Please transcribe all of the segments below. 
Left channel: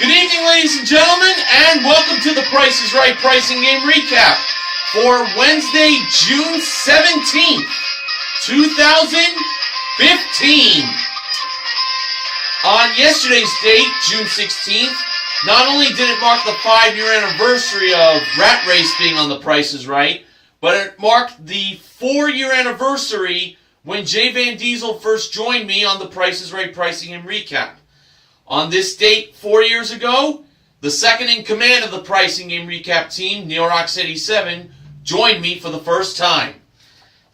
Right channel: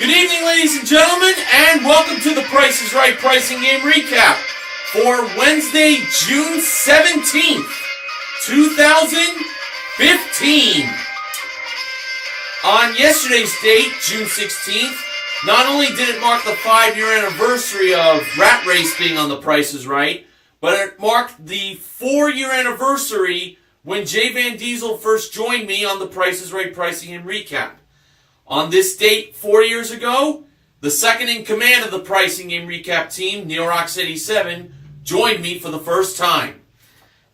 Good evening, ladies and gentlemen, and welcome to the Price is Right Pricing Game Recap for Wednesday, June 17th, 2015. On yesterday's date, June 16th, not only did it mark the 5-year anniversary of Rat Race being on the Price is Right, but it marked the 4-year anniversary when Jay Van Diesel first joined me on the Price is Right Pricing and Recap. On this date, 4 years ago, the second in command of the Pricing Game Recap team, Neorox87, joined me for the first time.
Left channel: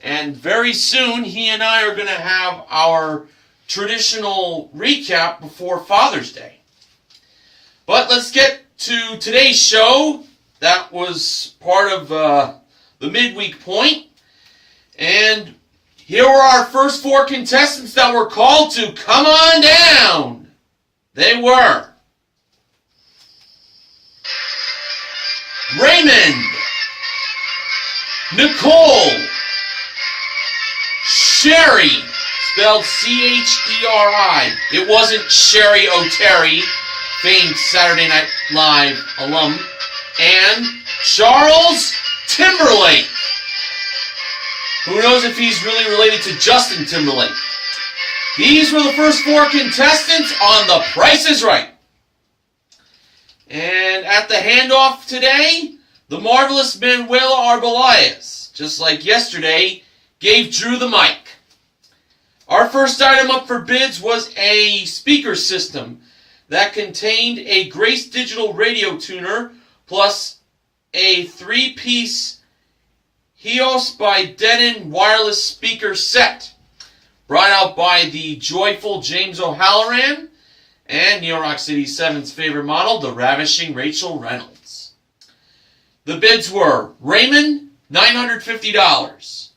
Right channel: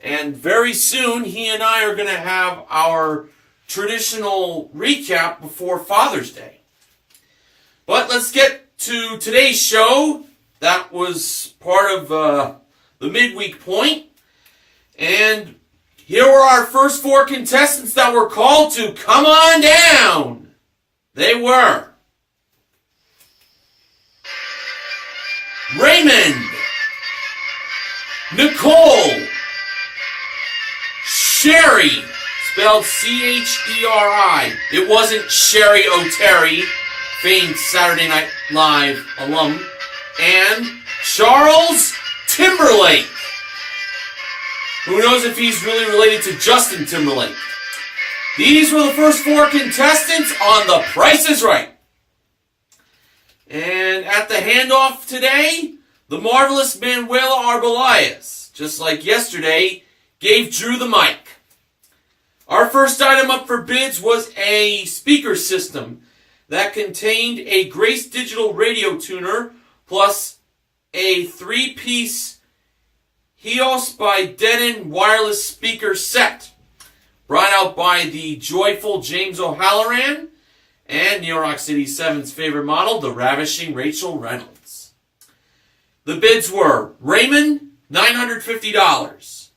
And very soon, he and I are going to have our traditional recap before Father's Day. But let's get to today's show. That was part of the midweek point. And here were our first 4 contestants that were called to come on down. They were Raymond, Nicole, Sherry, spelled C-H-E-R-I. It wasn't Sherry O'Terry, famed Saturday Night Live alum, and Charles Timberlake. Who knows if he's really related to Justin Timberlake? These were the first 4 contestants on The Price is Right. And at the handoff today, the marvelous Manuela Arbelayes, just like yesterday, gave Drew the mic. Our first item up for bids was a speaker system that contained a Grace Digital radio tuner plus a 3-piece Hios by Denon wireless speaker set, brought out by the joyful James O'Halloran and Neorox87's favorite model, the ravishing Rachel Reynolds. The bids were Raymond, $950.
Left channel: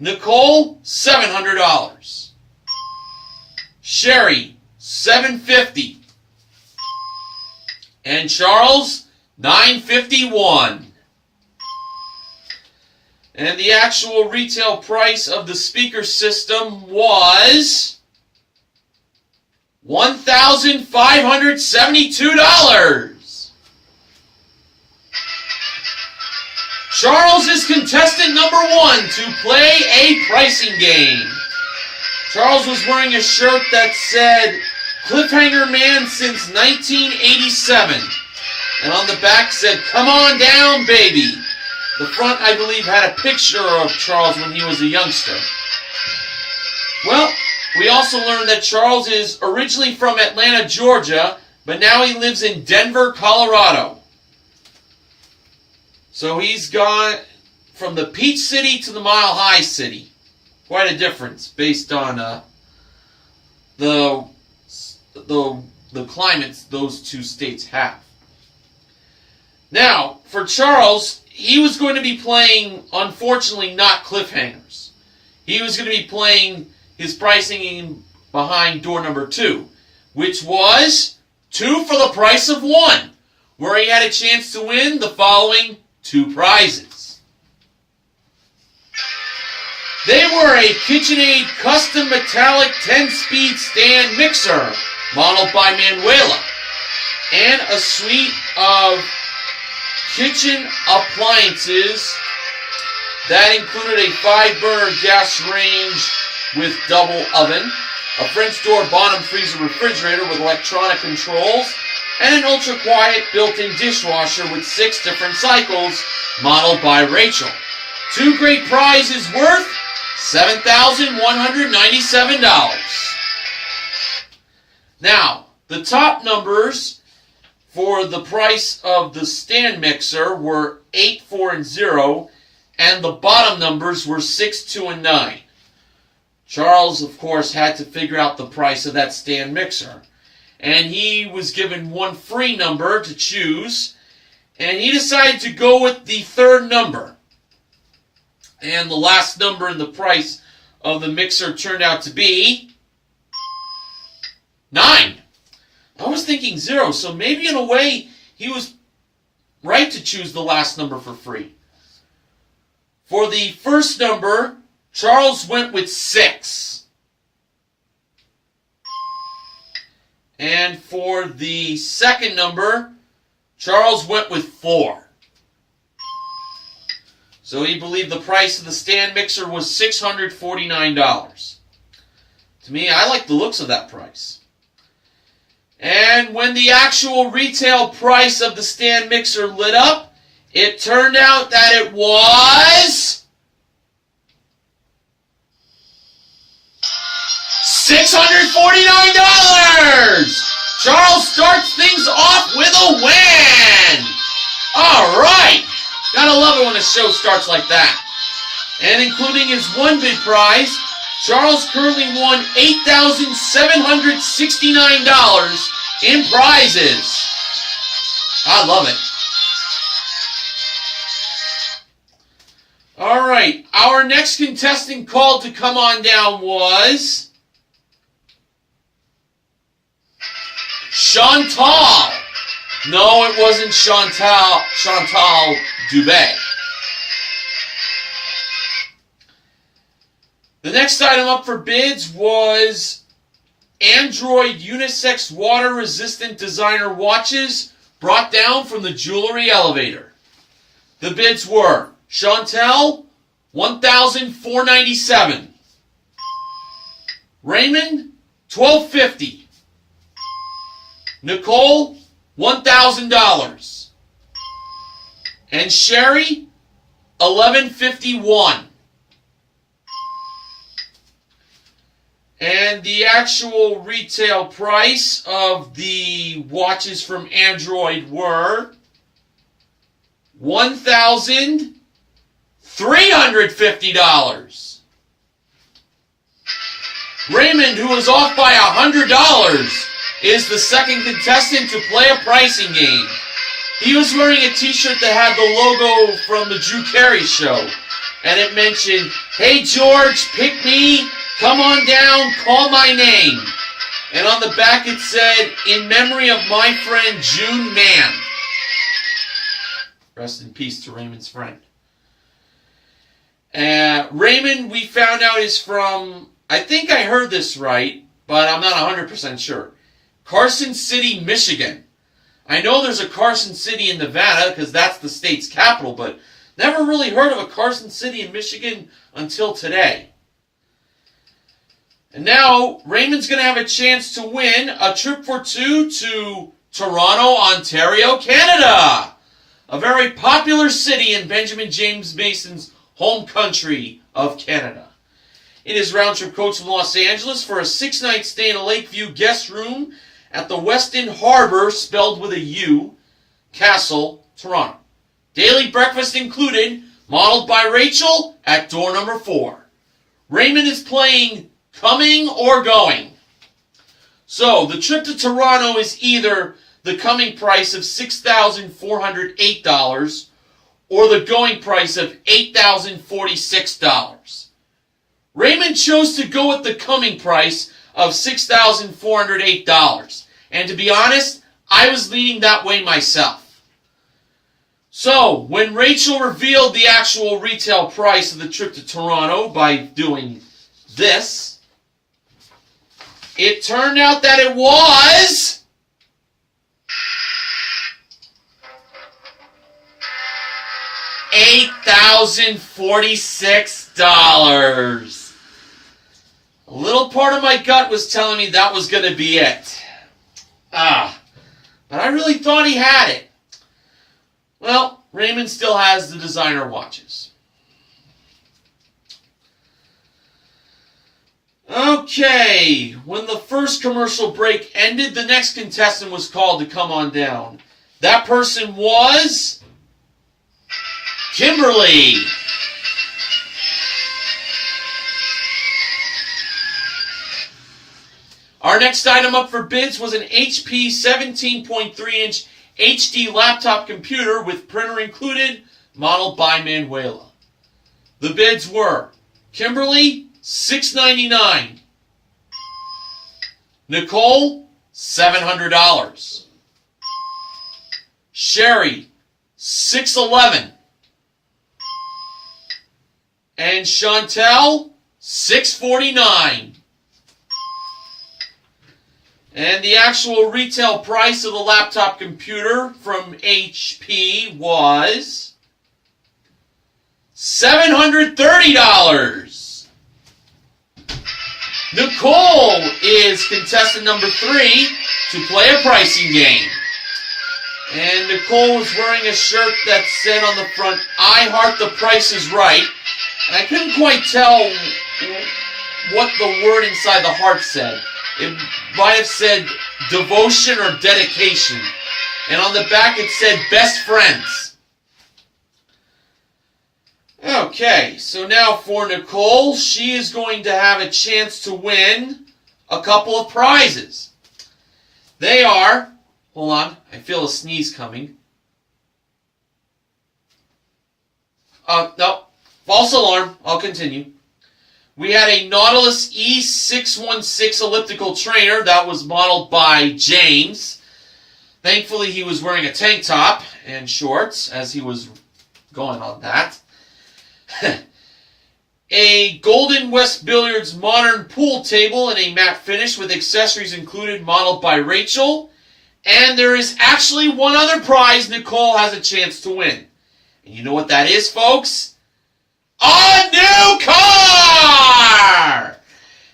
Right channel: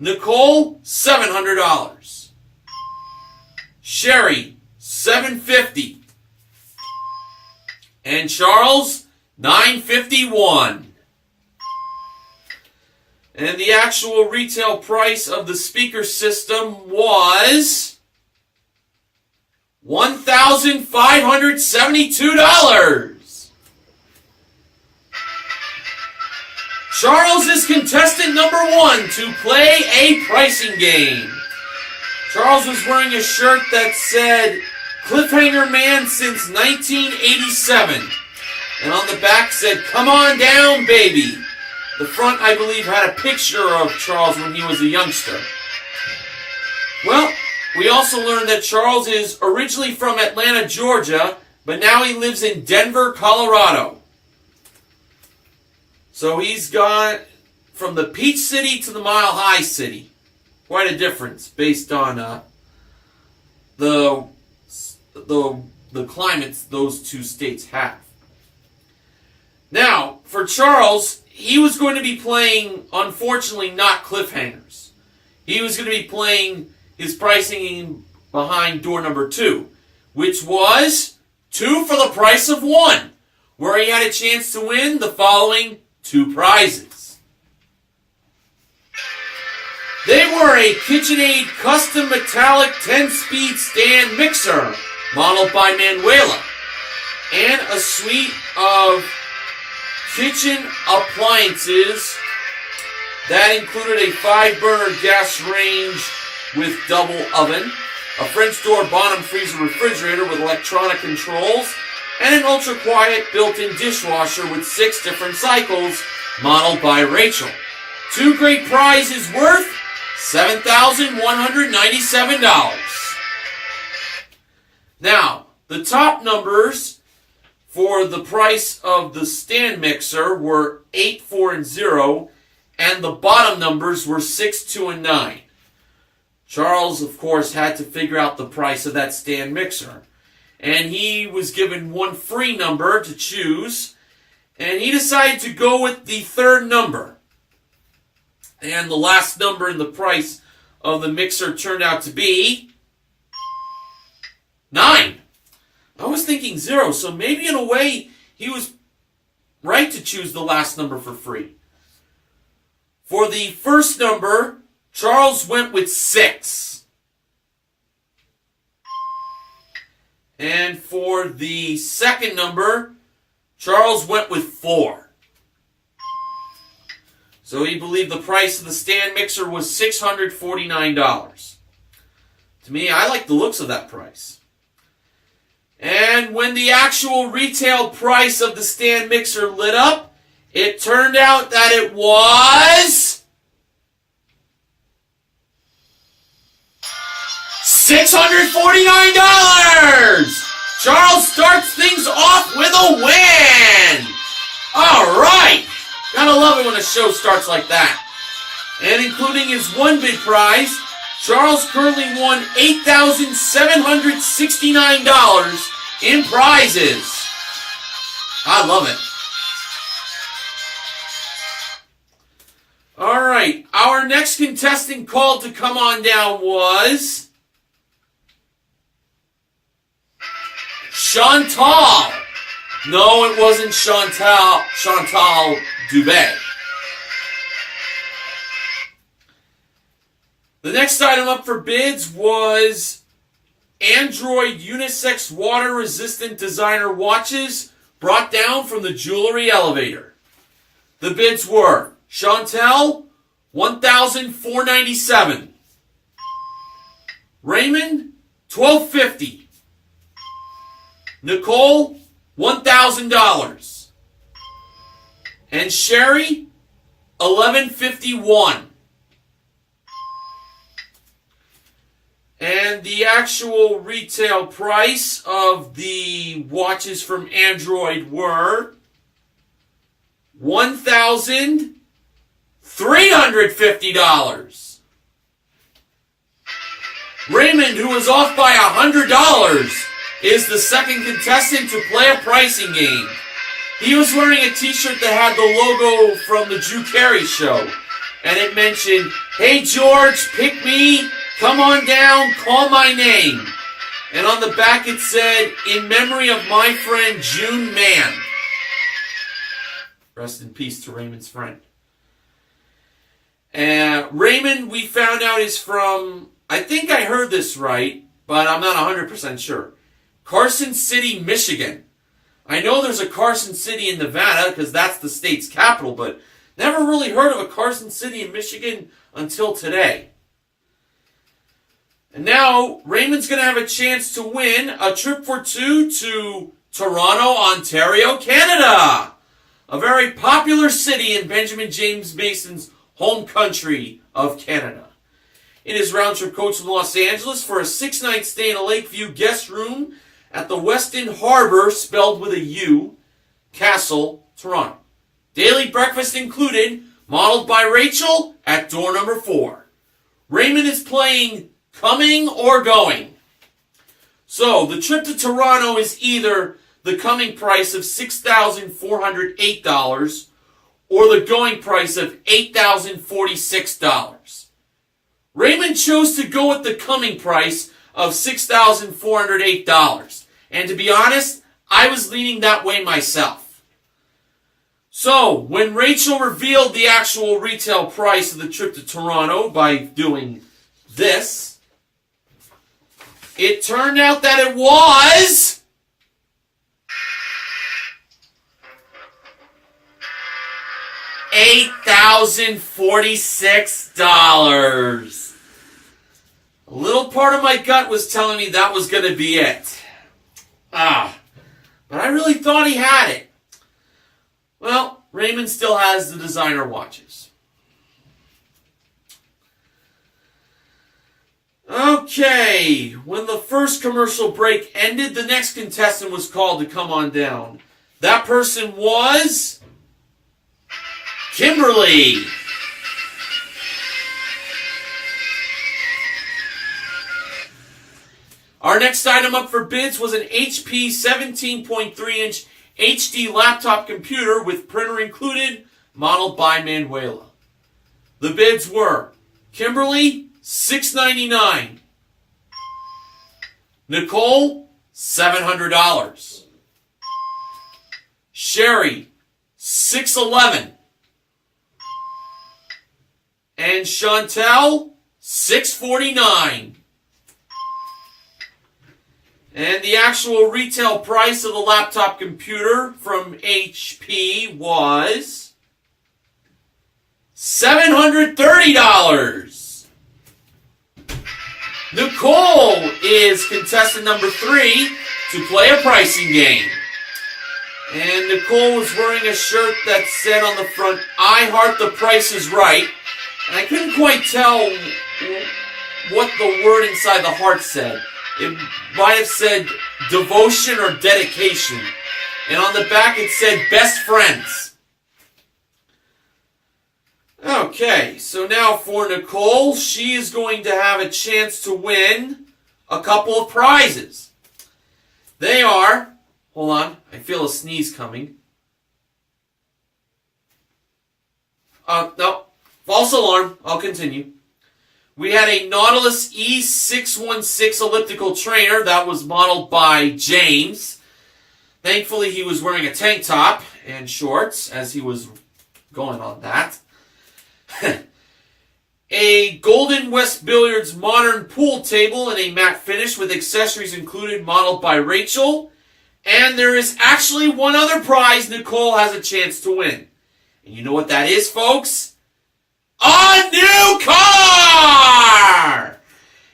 Nicole, $700. Sherry, $750. And Charles, $951. And the actual retail price of the speaker system was $1,572. Charles is contestant number 1 to play a pricing game. Charles was wearing a shirt that said Cliffhanger Man since 1987. And on the back said, "Come on down, baby." The front, I believe, had a picture of Charles when he was a youngster. Well, we also learned that Charles is originally from Atlanta, Georgia, but now he lives in Denver, Colorado. So he's gone from the Peach City to the Mile High City. Quite a difference based on the climates those 2 states have. Now, for Charles, he was going to be playing, unfortunately, not cliffhangers. He was going to be playing his pricing behind door number 2, which was 2 for the price of 1, where he had a chance to win the following 2 prizes. They were a KitchenAid custom metallic 10-speed stand mixer, modeled by Manuela, and a suite of kitchen appliances that included a 5-burner gas range with double oven, a French door bottom freezer refrigerator with electronic controls, and an ultra-quiet built-in dishwasher with 6 different cycles, modeled by Rachel. 2 great prizes worth $7,197. Now, the top numbers for the price of the stand mixer were 8, 4, and 0, and the bottom numbers were 6, 2, and 9. Charles, of course, had to figure out the price of that stand mixer, and he was given 1 free number to choose, and he decided to go with the 3rd number. And the last number in the price of the mixer turned out to be 9. I was thinking 0, so maybe in a way he was right to choose the last number for free. For the first number, Charles went with 6. And for for the second number, Charles went with 4. So he believed the price of the stand mixer was $649. To me, I like the looks of that price. And when the actual retail price of the stand mixer lit up, it turned out that it was $649! Charles starts things off with a win! Alright! Gotta love it when a show starts like that. And including his one bid prize, Charles currently won $8,769 in prizes. I love it. Alright, our next contestant called to come on down was Chantal. No, it wasn't Chantal Dubé. The next item up for bids was Android unisex water-resistant designer watches brought down from the jewelry elevator. The bids were Chantel, $1,497. Raymond, $1,250. Nicole, $1,000. And Sherry, $1,151. And the actual retail price of the watches from Android were $1,350. Raymond, who was off by $100, is the second contestant to play a pricing game. He was wearing a t-shirt that had the logo from the Drew Carey Show, and it mentioned, "Hey George, pick me. Come on down, call my name." And on the back it said, "In memory of my friend June Mann." Rest in peace to Raymond's friend. Raymond, we found out, is from, I think I heard this right, but I'm not 100% sure, Carson City, Michigan. I know there's a Carson City in Nevada because that's the state's capital, but never really heard of a Carson City in Michigan until today. And now, Raymond's going to have a chance to win a trip for 2 to Toronto, Ontario, Canada. A very popular city in Benjamin James Mason's home country of Canada. It is round-trip coach from Los Angeles for a 6-night stay in a Lakeview guest room at the Westin Harbor, spelled with a U, Castle, Toronto. Daily breakfast included, modeled by Rachel at door number 4. Raymond is playing coming or going. So, the trip to Toronto is either the coming price of $6,408 or the going price of $8,046. Raymond chose to go with the coming price of $6,408. And to be honest, I was leaning that way myself. So, when Rachel revealed the actual retail price of the trip to Toronto by doing this, it turned out that it was $8,046. A little part of my gut was telling me that was going to be it. But I really thought he had it. Well, Raymond still has the designer watches. Okay, when the first commercial break ended, the next contestant was called to come on down. That person was Kimberly. Our next item up for bids was an HP 17.3-inch HD laptop computer with printer included, modeled by Manuela. The bids were Kimberly, $699. Nicole, $700. Sherry, $611. And Chantel, $649. And And the actual retail price of the laptop computer from HP was $730. Nicole is contestant number 3 to play a pricing game. And Nicole was wearing a shirt that said on the front, "I heart the price is right." And I couldn't quite tell what the word inside the heart said. It might have said devotion or dedication. And on the back it said best friends. Okay, so now for Nicole, she is going to have a chance to win a couple of prizes. They are, hold on, I feel a sneeze coming. No, false alarm, I'll continue. We had a Nautilus E616 elliptical trainer that was modeled by James. Thankfully, he was wearing a tank top and shorts as he was going on that. A Golden West Billiards modern pool table in a matte finish with accessories included, modeled by Rachel. And there is actually one other prize Nicole has a chance to win. And you know what that is, folks? A new car!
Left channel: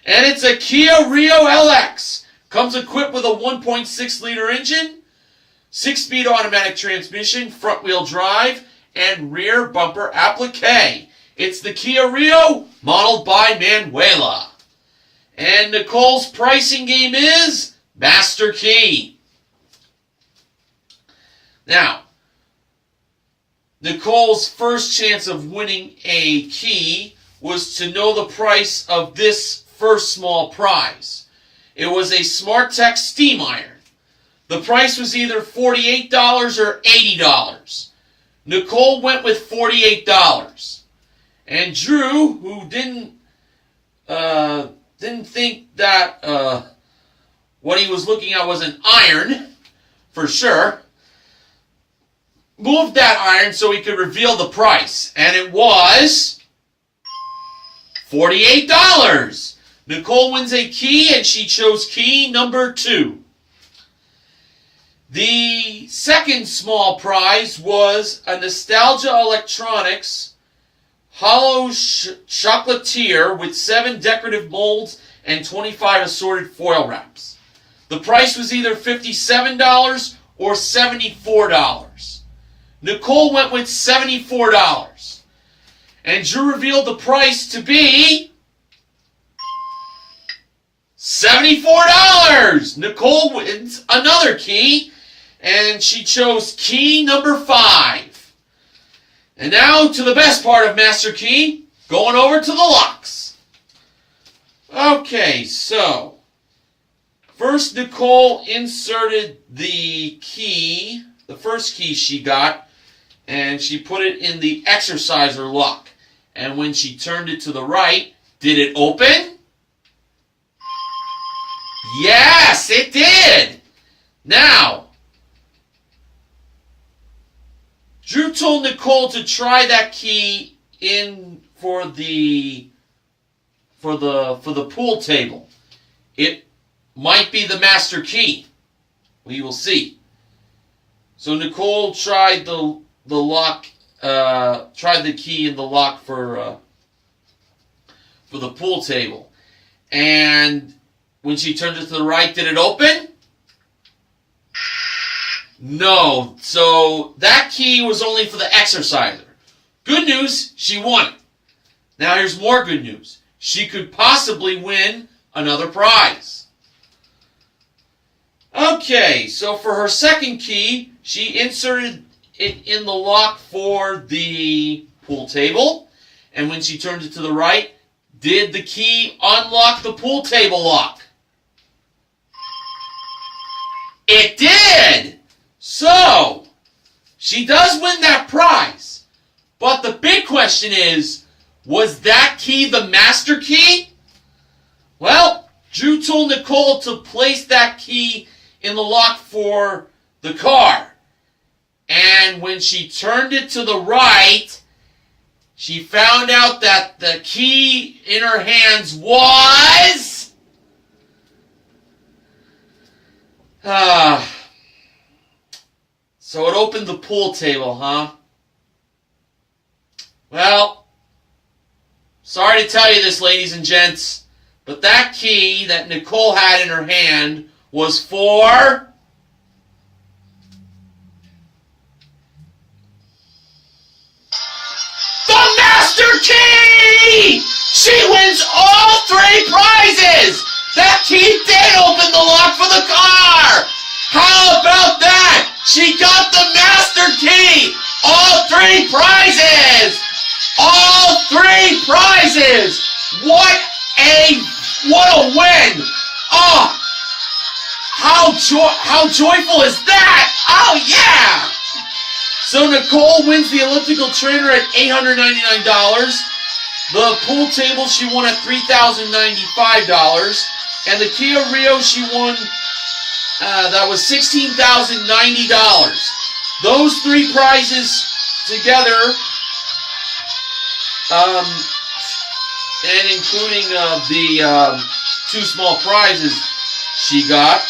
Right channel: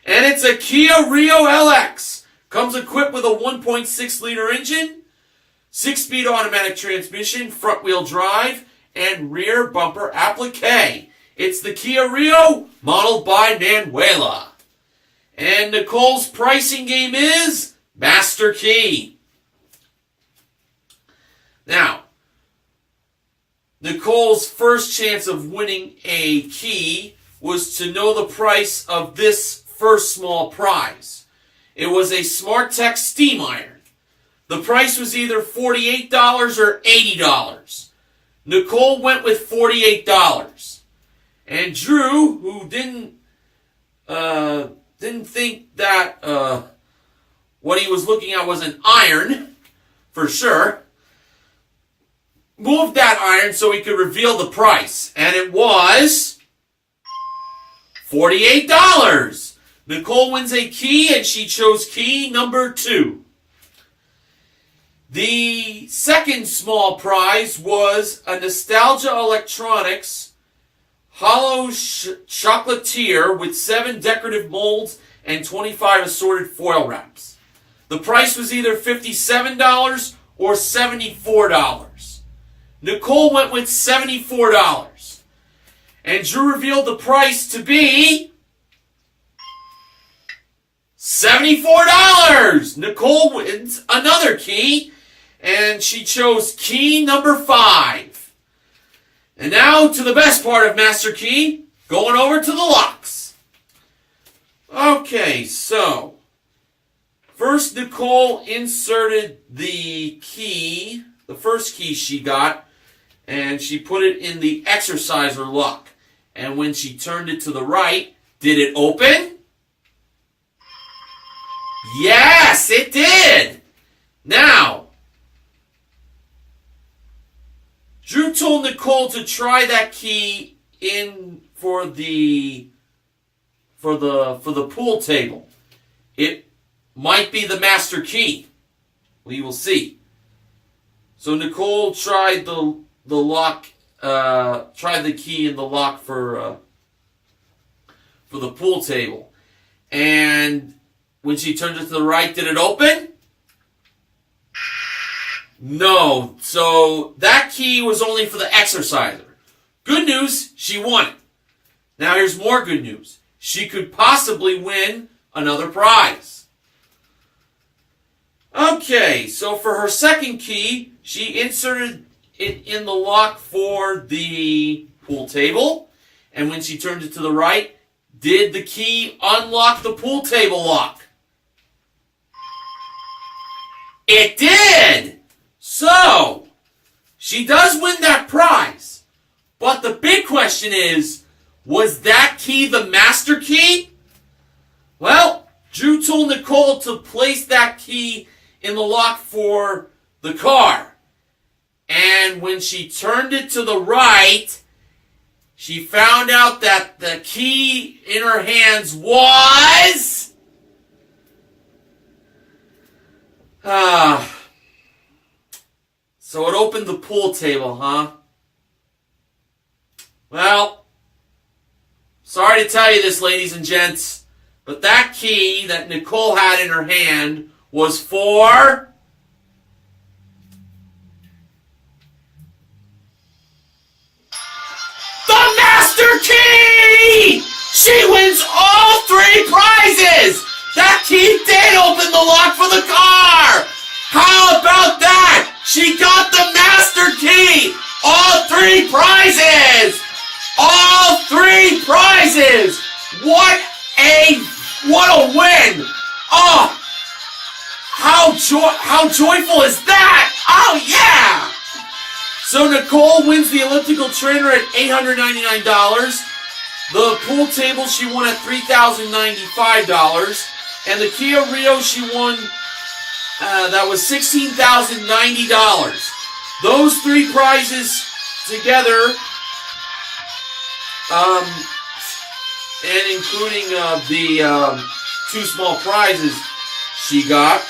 And it's a Kia Rio LX. Comes equipped with a 1.6 liter engine, 6-speed automatic transmission, front wheel drive, and rear bumper applique. It's the Kia Rio, modeled by Manuela. And Nicole's pricing game is Master Key. Now, Nicole's first chance of winning a key was to know the price of this first small prize. It was a SmartTech steam iron. The price was either $48 or $80. Nicole went with $48. And Drew, who didn't think that what he was looking at was an iron, for sure, moved that iron so he could reveal the price. And it was $48. Nicole wins a key, and she chose key number 2. The second small prize was a Nostalgia Electronics hollow chocolatier with 7 decorative molds and 25 assorted foil wraps. The price was either $57 or $74. Nicole went with $74. And Drew revealed the price to be $74. Nicole wins another key, and she chose key number 5. And now to the best part of Master Key, going over to the locks. Okay, so first Nicole inserted the key, the first key she got, and she put it in the exerciser lock. And when she turned it to the right, did it open? Yes, it did! Now, Drew told Nicole to try that key in for the pool table. It might be the master key. We will see. So Nicole tried the lock, tried the key in the lock for the pool table, and when she turned it to the right, did it open? No. So that key was only for the exerciser. Good news, she won it. Now here's more good news. She could possibly win another prize. Okay, so for her second key, she inserted it in the lock for the pool table. And when she turned it to the right, did the key unlock the pool table lock? It did! So, she does win that prize. But the big question is, was that key the master key? Well, Drew told Nicole to place that key in the lock for the car. And when she turned it to the right, she found out that the key in her hands was pool table, huh? Well, sorry to tell you this, ladies and gents, but that key that Nicole had in her hand was for the Master Key! She wins all 3 prizes! That key did open the lock for the car! How about that? She got the Master Key! All 3 prizes! All 3 prizes! What a win! Oh! How joyful is that? Oh yeah! So Nicole wins the elliptical trainer at $899. The pool table she won at $3,095. And the Kia Rio she won, that was $16,090. Those 3 prizes together, and including the 2 small prizes she got,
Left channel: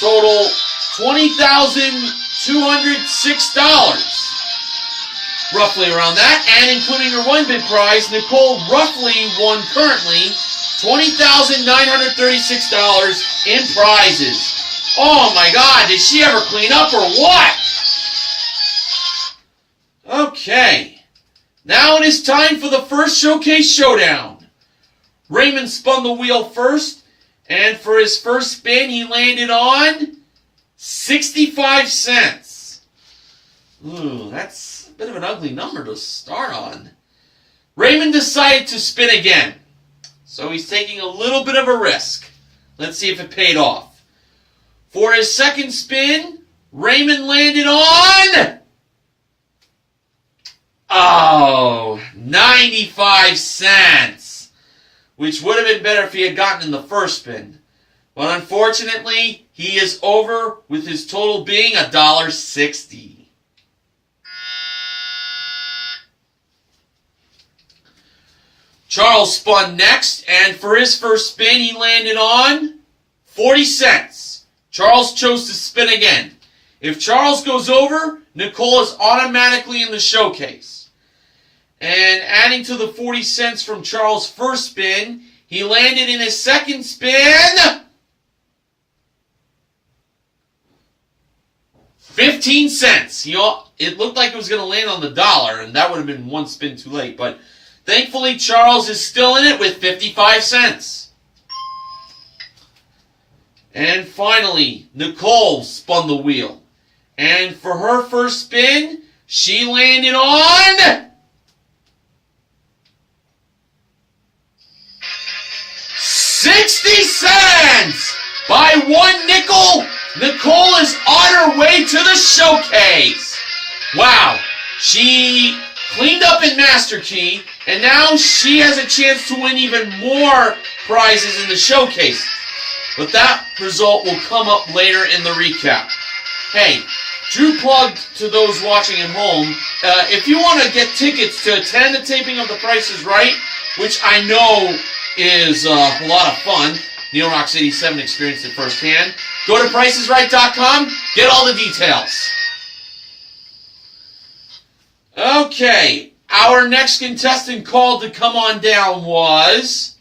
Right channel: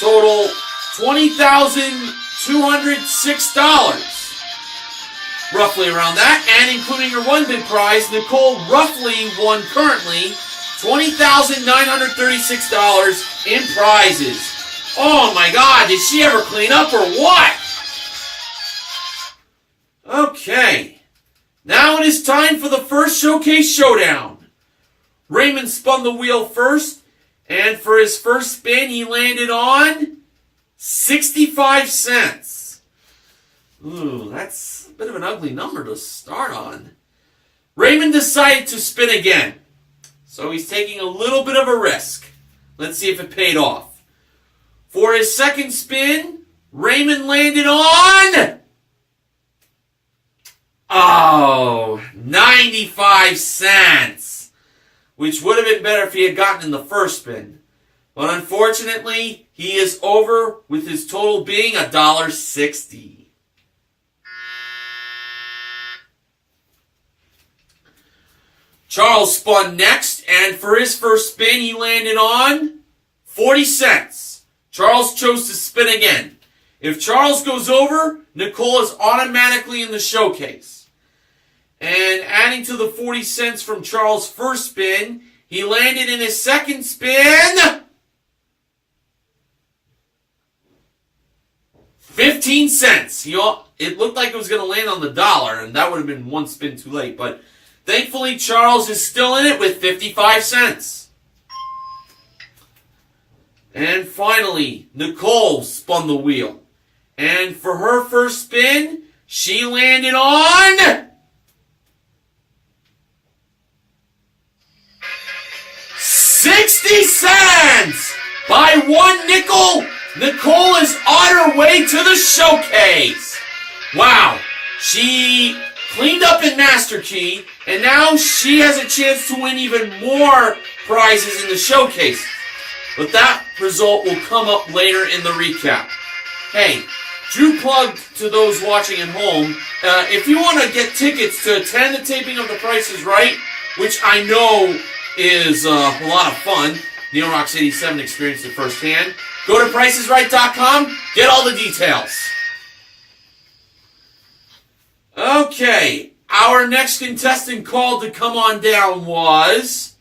total $20,206. Roughly around that, and including her 1 bid prize, Nicole roughly won currently $20,936 in prizes. Oh my God, did she ever clean up or what? Okay, now it is time for the first showcase showdown. Raymond spun the wheel first, and for his first spin, he landed on 65 cents. Ooh, that's a bit of an ugly number to start on. Raymond decided to spin again, so he's taking a little bit of a risk. Let's see if it paid off. For his second spin, Raymond landed on 95 cents, which would have been better if he had gotten in the first spin. But unfortunately, he is over with his total being $1.60. Charles spun next, and for his first spin, he landed on 40 cents. Charles chose to spin again. If Charles goes over, Nicole is automatically in the showcase. And adding to the 40 cents from Charles' first spin, he landed in his second spin 15 cents. It looked like it was going to land on the dollar, and that would have been 1 spin too late. But thankfully, Charles is still in it with 55 cents. And finally, Nicole spun the wheel. And for her first spin, she landed on 60 cents! By 1 nickel, Nicole is on her way to the showcase. Wow, she cleaned up in Master Key, and now she has a chance to win even more prizes in the showcase. But that result will come up later in the recap. Hey, true plug to those watching at home, if you want to get tickets to attend the taping of The Price is Right, which I know is a lot of fun, Neil Rocks 87 experienced it firsthand, go to pricesright.com, get all the details. Okay, our next contestant called to come on down was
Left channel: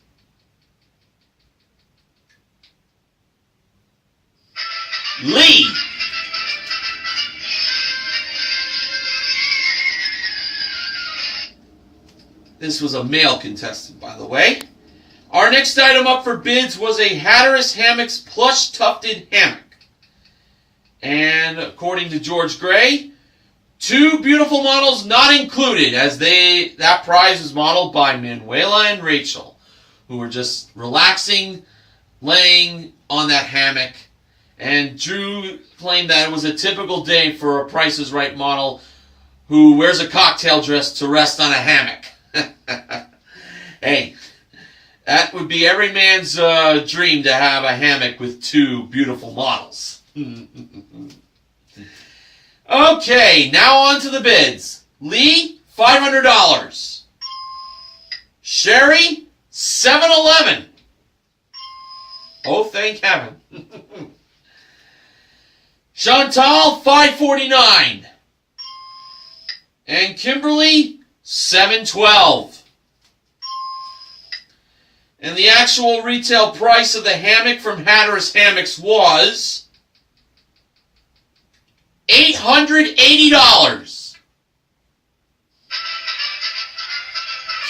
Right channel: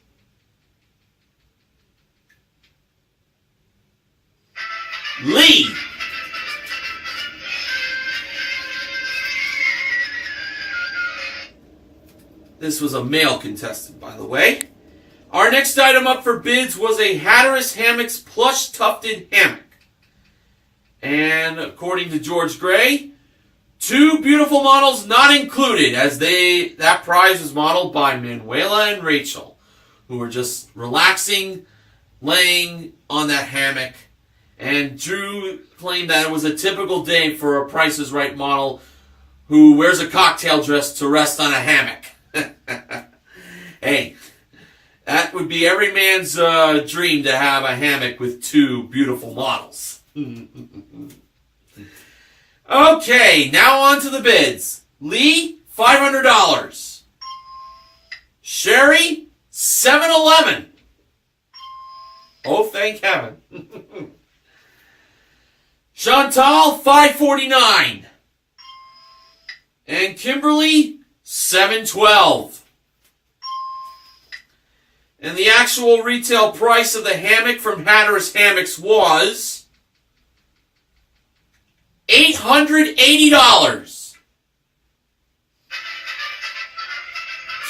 Lee. This was a male contestant, by the way. Our next item up for bids was a Hatteras Hammocks plush tufted hammock. And according to George Gray, 2 beautiful models not included, as that prize was modeled by Manuela and Rachel, who were just relaxing, laying on that hammock. And Drew claimed that it was a typical day for a Price is Right model who wears a cocktail dress to rest on a hammock. Hey, that would be every man's dream to have a hammock with 2 beautiful models. Okay, now on to the bids. Lee, $500. Sherry, $711. Oh, thank heaven. Chantal, $549. And Kimberly, $712. And the actual retail price of the hammock from Hatteras Hammocks was $880.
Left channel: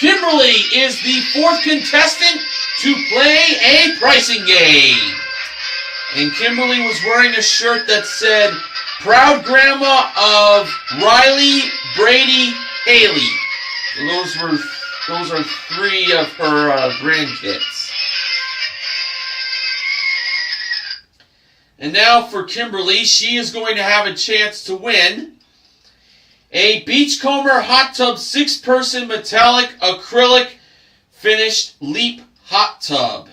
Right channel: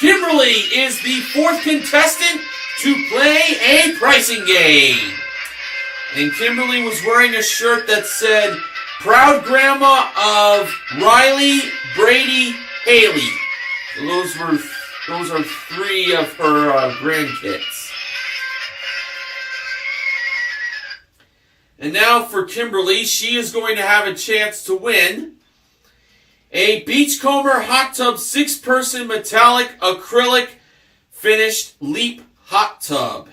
Kimberly is the fourth contestant to play a pricing game. And Kimberly was wearing a shirt that said, "Proud Grandma of Riley, Brady, Haley." Those are three of her grandkids. And now for Kimberly, she is going to have a chance to win a Beachcomber Hot Tub 6-person metallic acrylic finished Leap Hot Tub.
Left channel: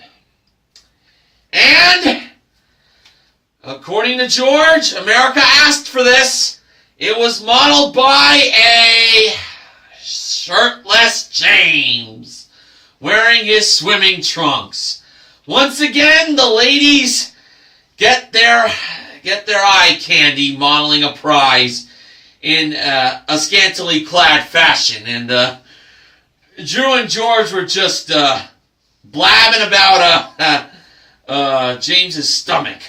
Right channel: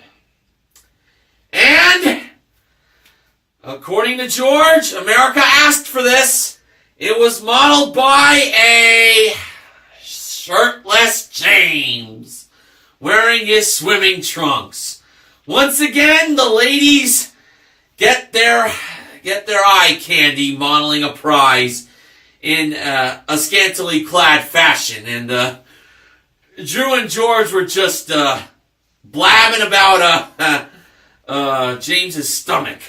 And according to George, America asked for this. It was modeled by a shirtless James wearing his swimming trunks. Once again, the ladies get their eye candy modeling a prize in a scantily clad fashion. And Drew and George were just blabbing about James's stomach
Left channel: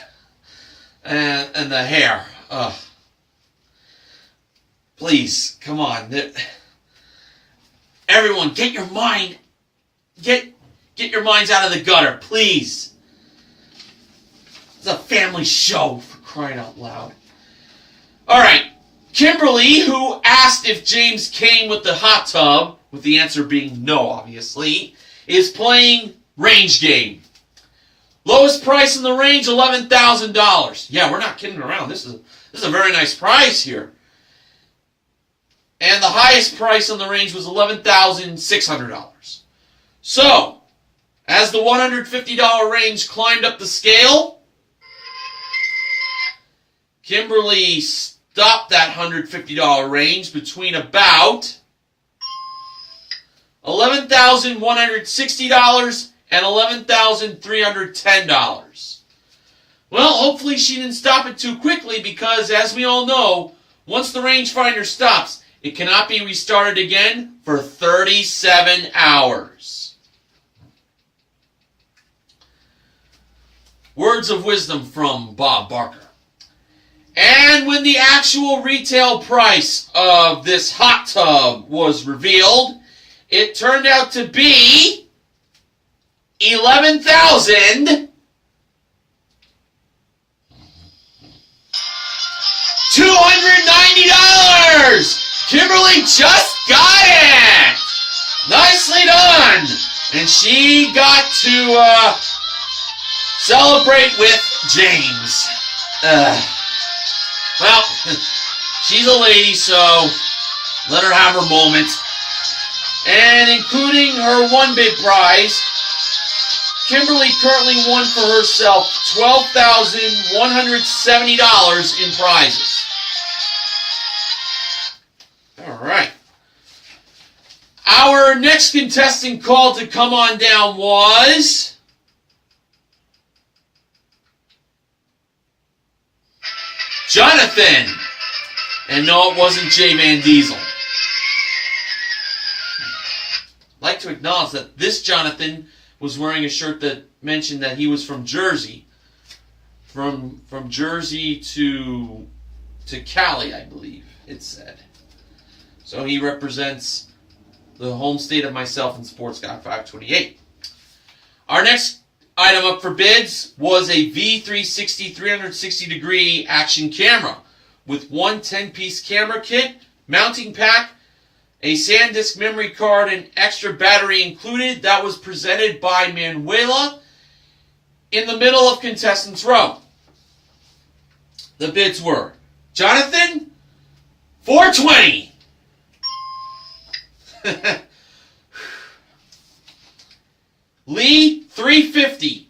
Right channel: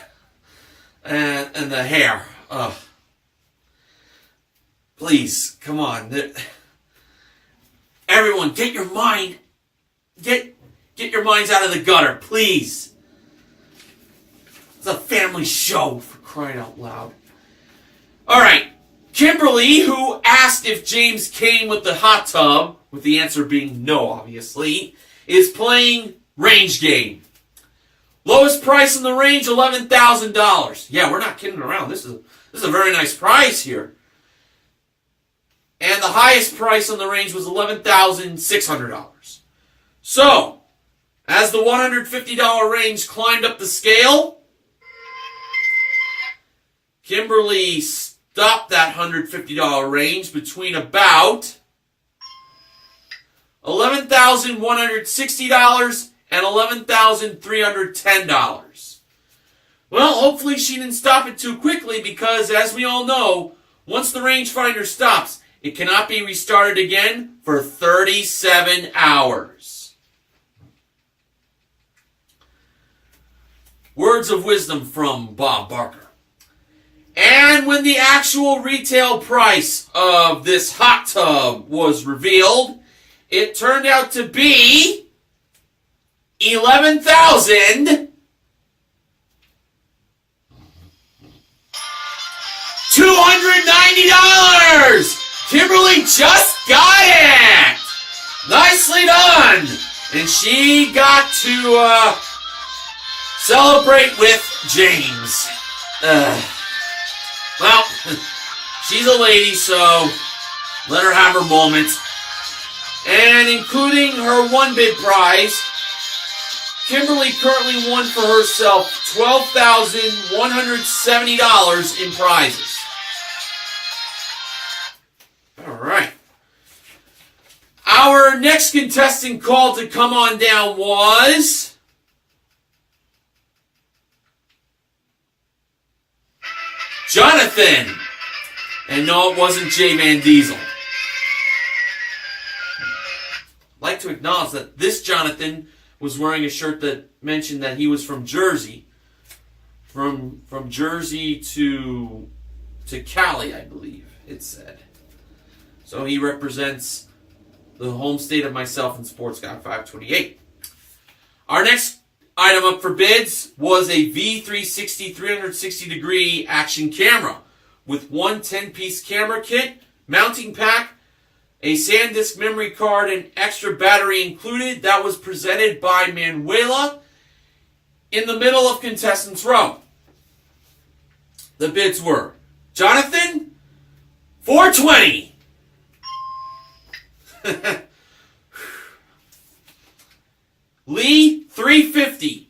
and the hair. Please, come on. Everyone, get your minds out of the gutter, please. It's a family show, for crying out loud. All right, Kimberly, who asked if James came with the hot tub, with the answer being no, obviously, is playing range game. Lowest price in the range, $11,000. Yeah, we're not kidding around. This is a very nice prize here. And the highest price on the range was $11,600. So, as the $150 range climbed up the scale, Kimberly stopped that $150 range between about $11,160 and $11,310. Well, hopefully she didn't stop it too quickly because, as we all know, once the rangefinder stops, it cannot be restarted again for 37 hours. Words of wisdom from Bob Barker. And when the actual retail price of this hot tub was revealed, it turned out to be $11,290. Kimberly just got it! Nicely done! And she got to celebrate with James. Well, she's a lady, so let her have her moment. And including her one big prize, Kimberly currently won for herself $12,170 in prizes. All right. Our next contestant called to come on down was Jonathan. And no, it wasn't Jay Van Diesel. I'd like to acknowledge that this Jonathan was wearing a shirt that mentioned that he was from Jersey. From Jersey to Cali, I believe it said. So he represents the home state of myself and Sports Guy 528. Our next item up for bids was a V360 360-degree action camera with one 10-piece camera kit, mounting pack, a SanDisk memory card, and extra battery included. That was presented by Manuela in the middle of contestants' row. The bids were Jonathan, $420. Lee, $350.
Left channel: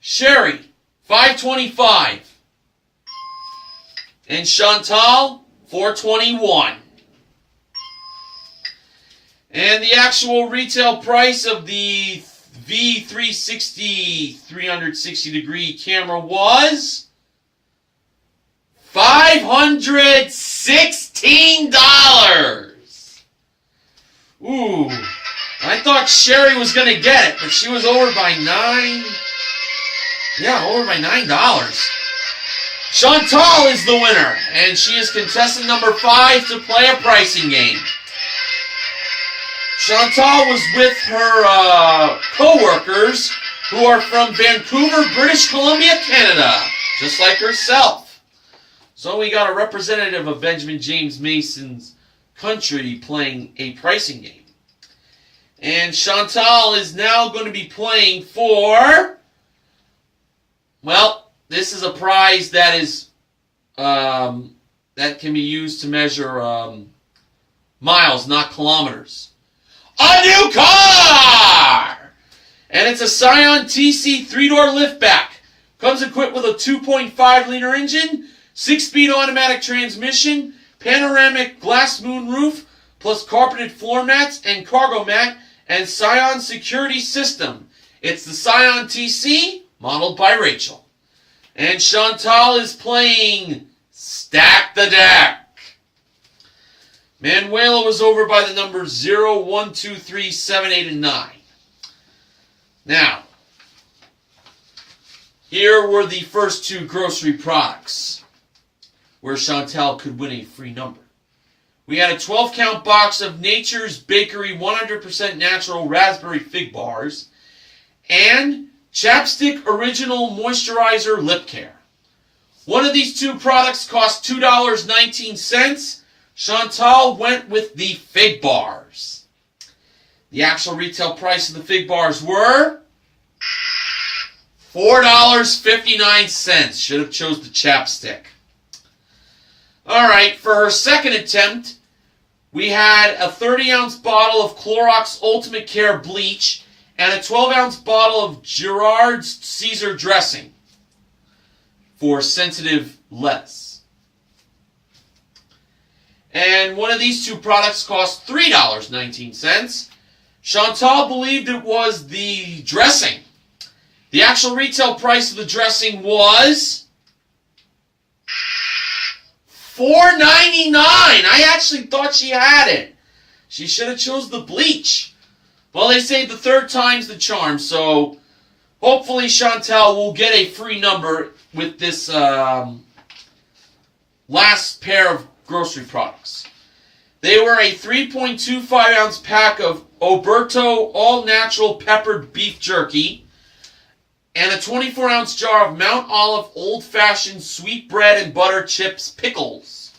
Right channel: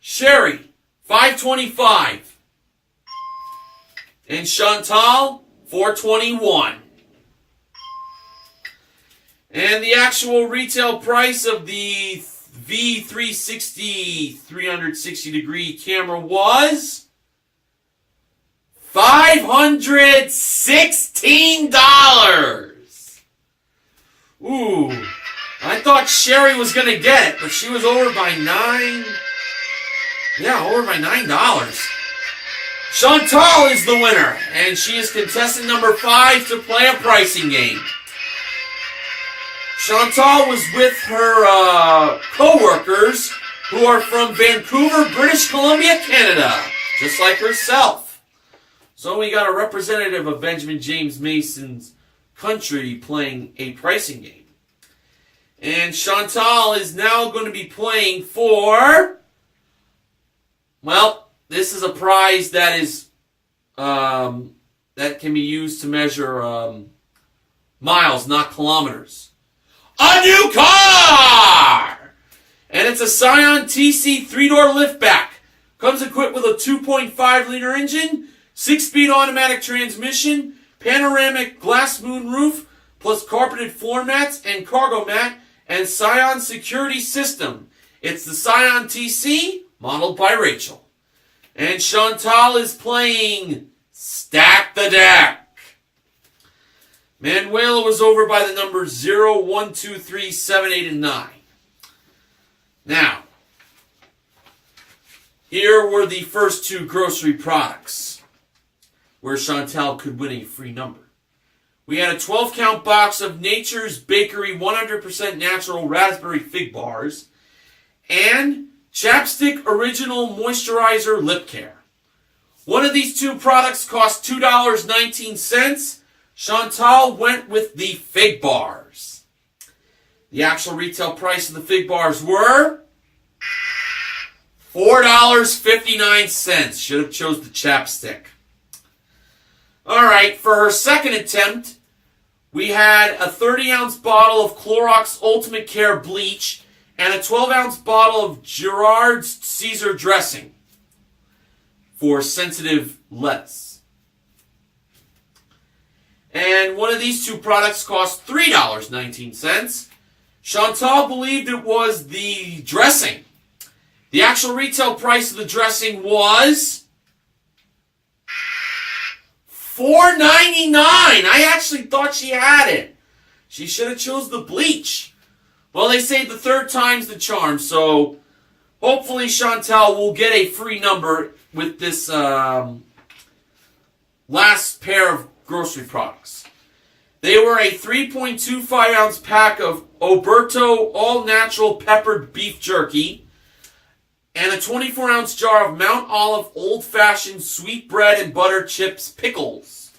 Sherry, $525. And Chantal, $421. And the actual retail price of the V360 360-degree camera was $5,000. $516. Ooh. I thought Sherry was going to get it, but she was over by $9. Yeah, over by $9. Chantal is the winner, and she is contestant number 5 to play a pricing game. Chantal was with her co-workers who are from Vancouver, British Columbia, Canada, just like herself. So we got a representative of Benjamin James Mason's country playing a pricing game. And Chantal is now going to be playing for, well, this is a prize that is that can be used to measure miles, not kilometers. A new car! And it's a Scion TC 3-door liftback. Comes equipped with a 2.5-liter engine, 6-speed automatic transmission, panoramic glass moonroof, plus carpeted floor mats and cargo mat, and Scion security system. It's the Scion TC, modeled by Rachel. And Chantal is playing Stack the Deck. Manuela was over by the numbers 0, 1, 2, 3, 7, 8, and 9. Now, here were the first 2 grocery products where Chantal could win a free number. We had a 12-count box of Nature's Bakery 100% natural raspberry fig bars and Chapstick Original Moisturizer Lip Care. One of these 2 products cost $2.19. Chantal went with the fig bars. The actual retail price of the fig bars were $4.59. Should have chose the chapstick. Alright, for her second attempt, we had a 30-ounce bottle of Clorox Ultimate Care bleach and a 12-ounce bottle of Gerard's Caesar dressing for sensitive lettuce. And one of these 2 products cost $3.19. Chantal believed it was the dressing. The actual retail price of the dressing was $4.99. I actually thought she had it. She should have chose the bleach. Well, they say the third time's the charm, so hopefully Chantal will get a free number with this last pair of grocery products. They were a 3.25-ounce pack of Oberto all-natural peppered beef jerky and a 24-ounce jar of Mount Olive old-fashioned sweet bread and butter chips pickles.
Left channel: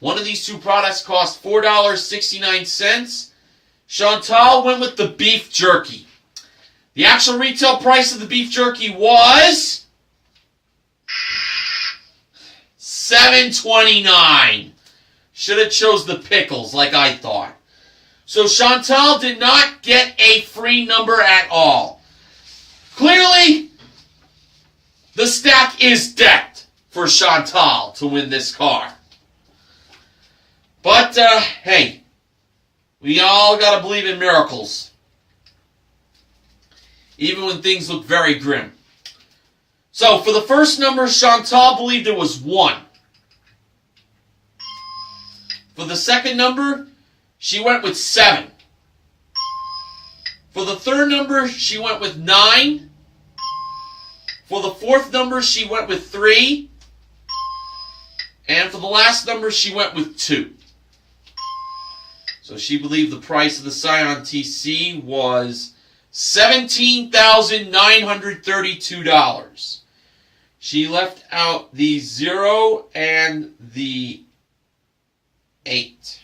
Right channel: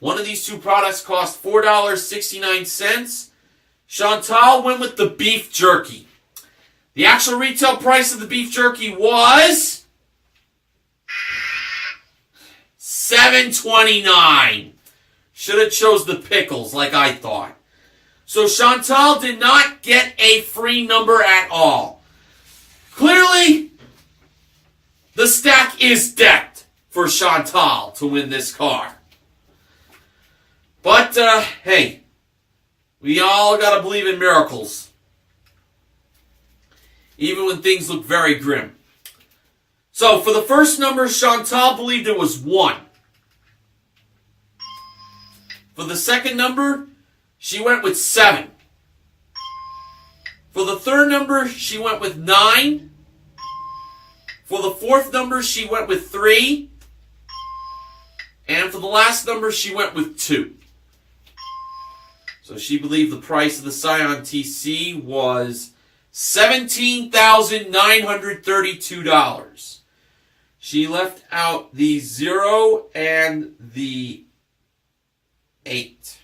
One of these 2 products cost $4.69. Chantal went with the beef jerky. The actual retail price of the beef jerky was $7.29. Should have chose the pickles like I thought. So Chantal did not get a free number at all. Clearly, the stack is decked for Chantal to win this car. But, hey, we all got to believe in miracles. Even when things look very grim. So, for the first number, Chantal believed it was 1. For the second number, she went with 7. For the third number, she went with 9. For the fourth number, she went with 3. And for the last number, she went with 2. So she believed the price of the Scion TC was $17,932. She left out the 0 and the 8.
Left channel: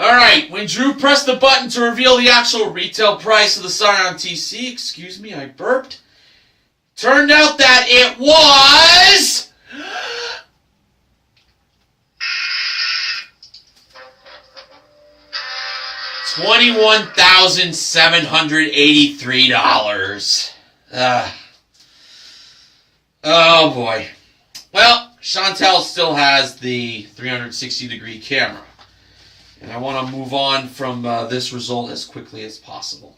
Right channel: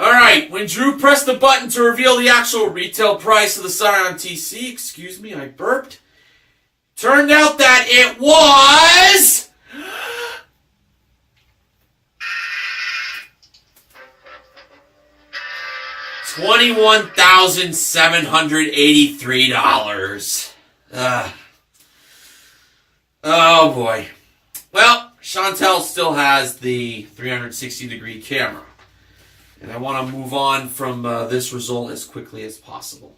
Alright, when Drew pressed the button to reveal the actual retail price of the Scion TC, excuse me, I burped, turned out that it was $21,783. Oh boy. Well, Chantal still has the 360-degree camera. And I want to move on from this result as quickly as possible.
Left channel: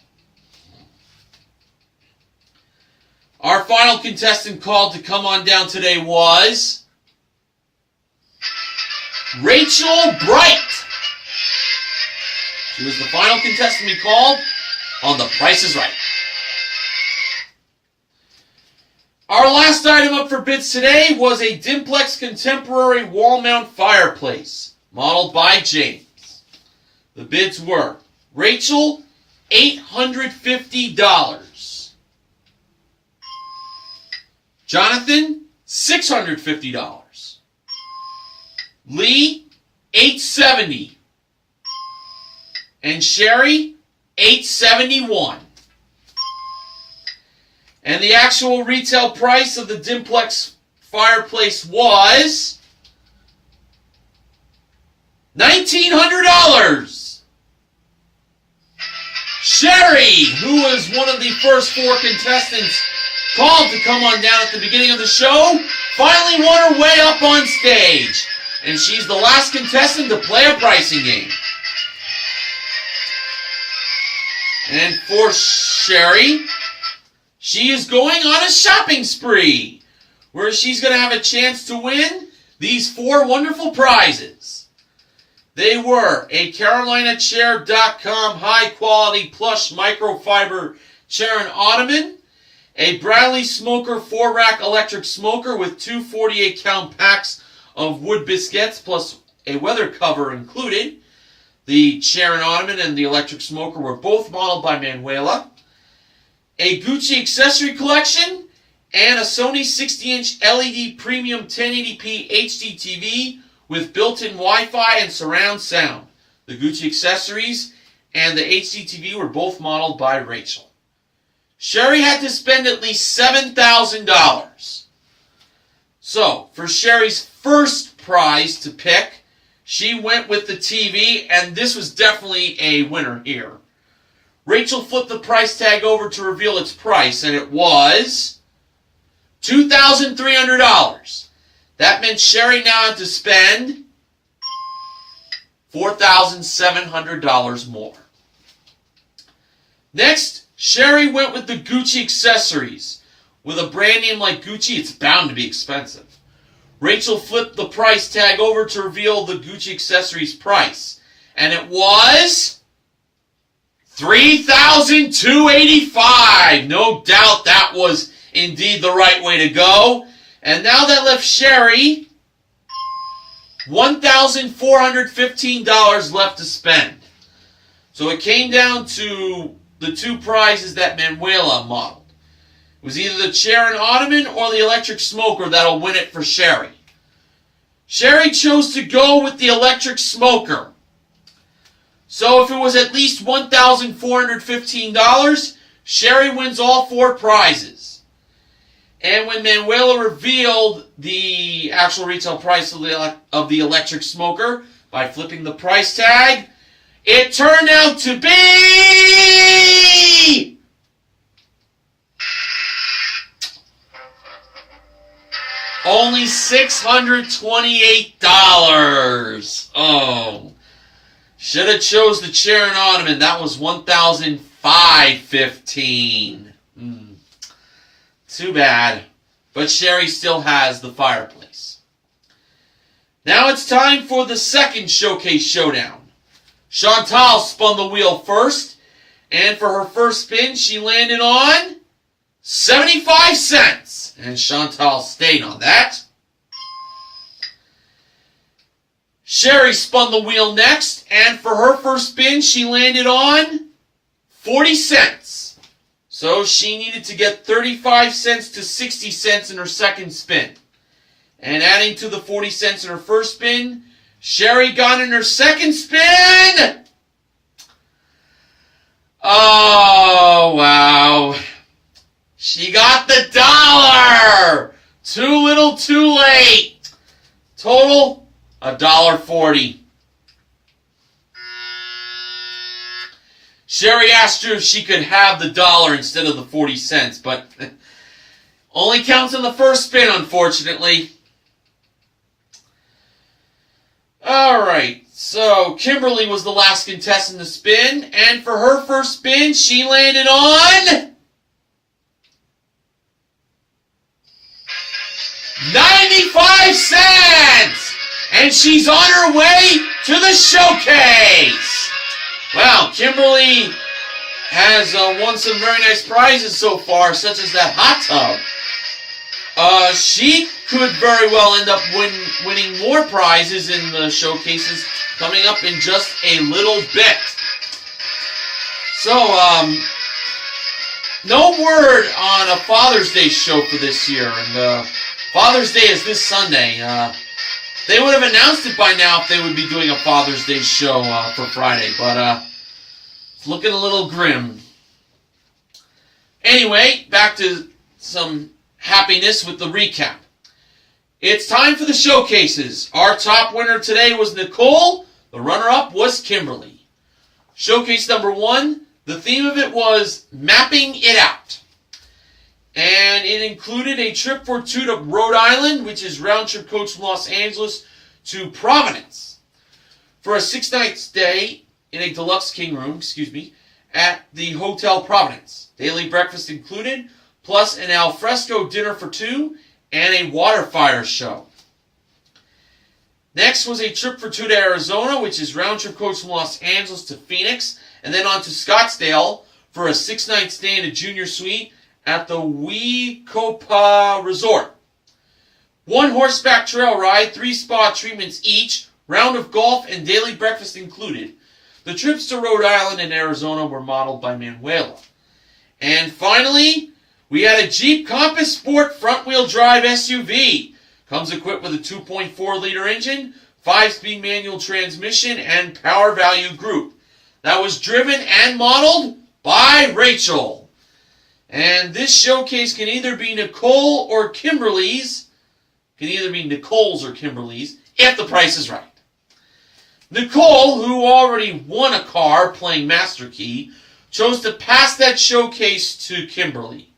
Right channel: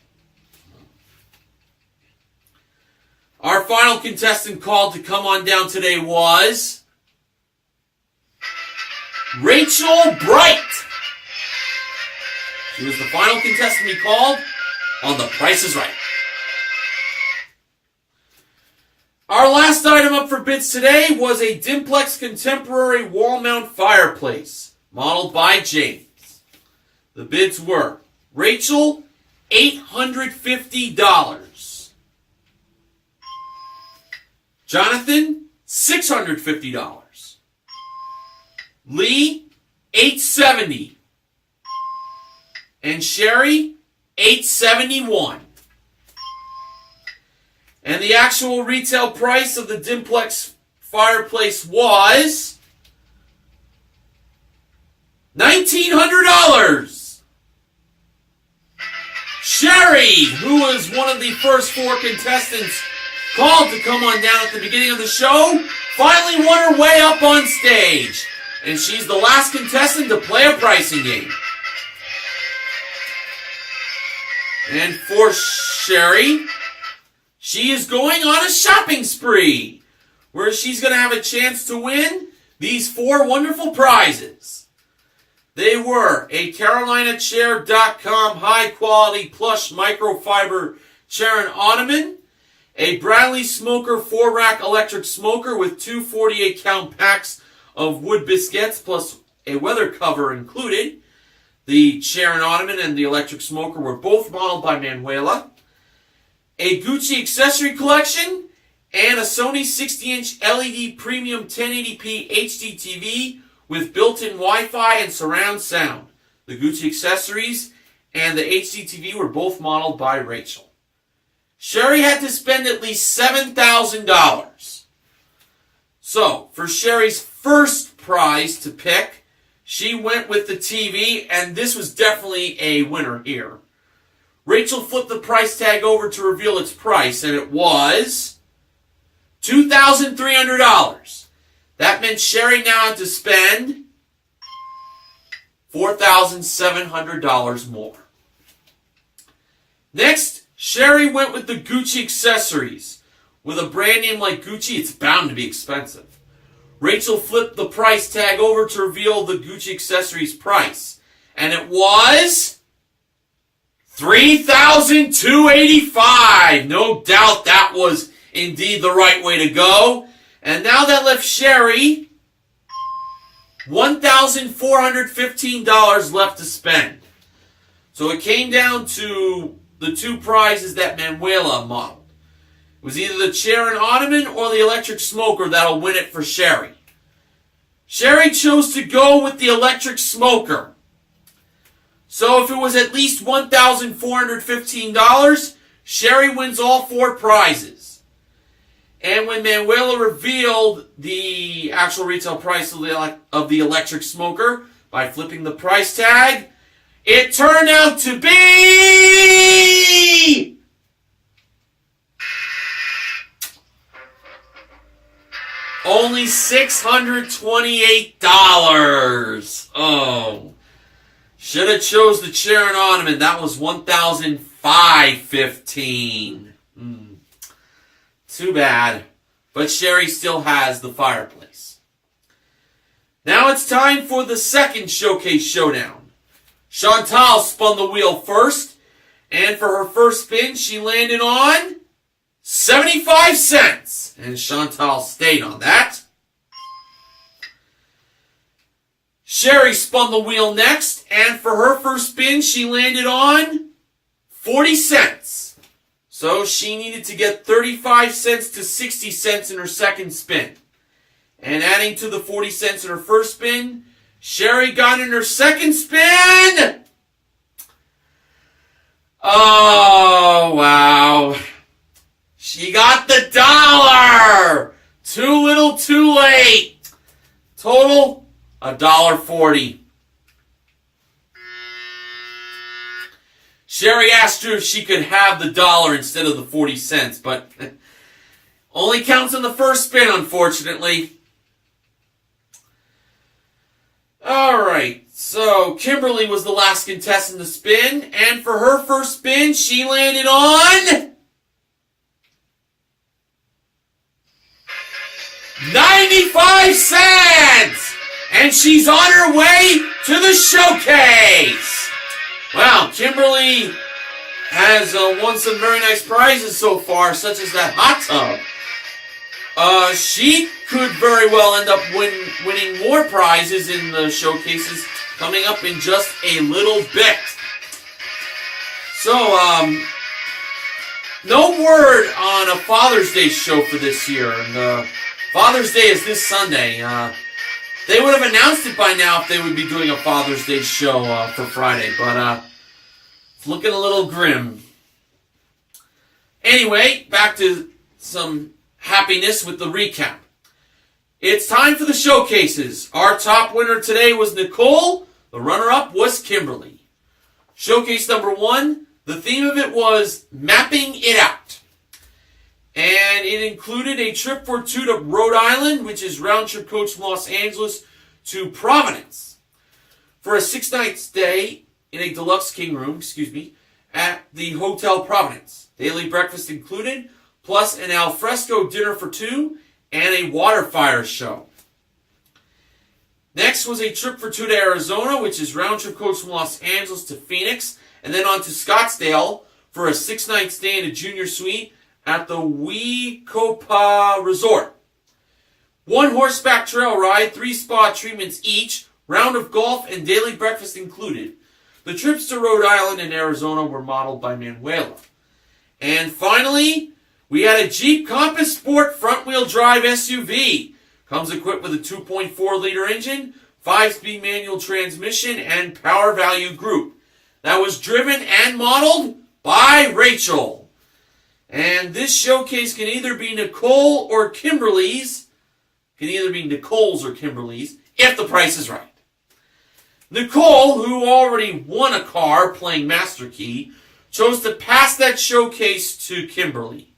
Our final contestant called to come on down today was Rachel Bright. She was the final contestant we called on The Price is Right. Our last item up for bids today was a Dimplex Contemporary wall mount fireplace, modeled by James. The bids were Rachel, $850. Jonathan, $650. Lee, $870. And Sherry, $871. And the actual retail price of the Dimplex fireplace was $1,900. Sherry, who was one of the first 4 contestants called to come on down at the beginning of the show, finally won her way up on stage. And she's the last contestant to play a pricing game. And for Sherry, she is going on a shopping spree, where she's going to have a chance to win these 4 wonderful prizes. They were a CarolinaChair.com high-quality plush microfiber chair and ottoman, a Bradley Smoker 4-rack electric smoker with 2 48-count packs of wood biscuits plus a weather cover included. The chair and ottoman and the electric smoker were both modeled by Manuela. A Gucci accessory collection, and a Sony 60-inch LED premium 1080p HD TV with built-in Wi-Fi and surround sound. The Gucci accessories and the HD TV were both modeled by Rachel. Sherry had to spend at least $7,000. So, for Sherry's first prize to pick, she went with the TV, and this was definitely a winner here. Rachel flipped the price tag over to reveal its price, and it was $2,300. That meant Sherry now had to spend $4,700 more. Next, Sherry went with the Gucci accessories. With a brand name like Gucci, it's bound to be expensive. Rachel flipped the price tag over to reveal the Gucci accessories price, and it was $3,285. No doubt that was indeed the right way to go. And now that left Sherry $1,415 left to spend. So it came down to the 2 prizes that Manuela modeled. It was either the chair and ottoman or the electric smoker that'll win it for Sherry. Sherry chose to go with the electric smoker. So if it was at least $1,415, Sherry wins all 4 prizes. And when Manuela revealed the actual retail price of the electric smoker by flipping the price tag, it turned out to be only $628. Oh. Should have chose the chair and ottoman. That was $1,515. Too bad. But Sherry still has the fireplace. Now it's time for the second showcase showdown. Chantal spun the wheel first, and for her first spin, she landed on 75 cents. And Chantal stayed on that. Sherry spun the wheel next, and for her first spin, she landed on 40 cents. So she needed to get 35 cents to 60 cents in her second spin. And adding to the 40 cents in her first spin, Sherry got in her second spin. Oh, wow. She got the $1. Too little, too late. Total, $1.40. Sherry asked her if she could have the $1 instead of the 40 cents, but only counts on the first spin, unfortunately. Alright, so Kimberly was the last contestant to spin, and for her first spin, she landed on 5 cents! And she's on her way to the showcase! Wow, Kimberly has won some very nice prizes so far, such as that hot tub. She could very well end up winning more prizes in the showcases coming up in just a little bit. So, no word on a Father's Day show for this year. And Father's Day is this Sunday. They would have announced it by now if they would be doing a Father's Day show for Friday, but it's looking a little grim. Anyway, back to some happiness with the recap. It's time for the showcases. Our top winner today was Nicole. The runner-up was Kimberly. Showcase number 1, the theme of it was Mapping It Out. And it included a trip for 2 to Rhode Island, which is round-trip coach from Los Angeles to Providence, for a 6-night stay in a deluxe king room, at the Hotel Providence. Daily breakfast included, plus an alfresco dinner for 2 and a water fire show. Next was a trip for 2 to Arizona, which is round-trip coach from Los Angeles to Phoenix, and then on to Scottsdale for a 6-night stay in a junior suite at the Wecopa Resort. 1 horseback trail ride, 3 spa treatments each, round of golf, and daily breakfast included. The trips to Rhode Island and Arizona were modeled by Manuela. And finally, we had a Jeep Compass Sport front-wheel drive SUV. Comes equipped with a 2.4-liter engine, 5-speed manual transmission, and power value group. That was driven and modeled by Rachel. And this showcase can either be Nicole or Kimberly's. Can either be Nicole's or Kimberly's, if the price is right. Nicole, who already won a car playing Master Key, chose to pass that showcase to Kimberly.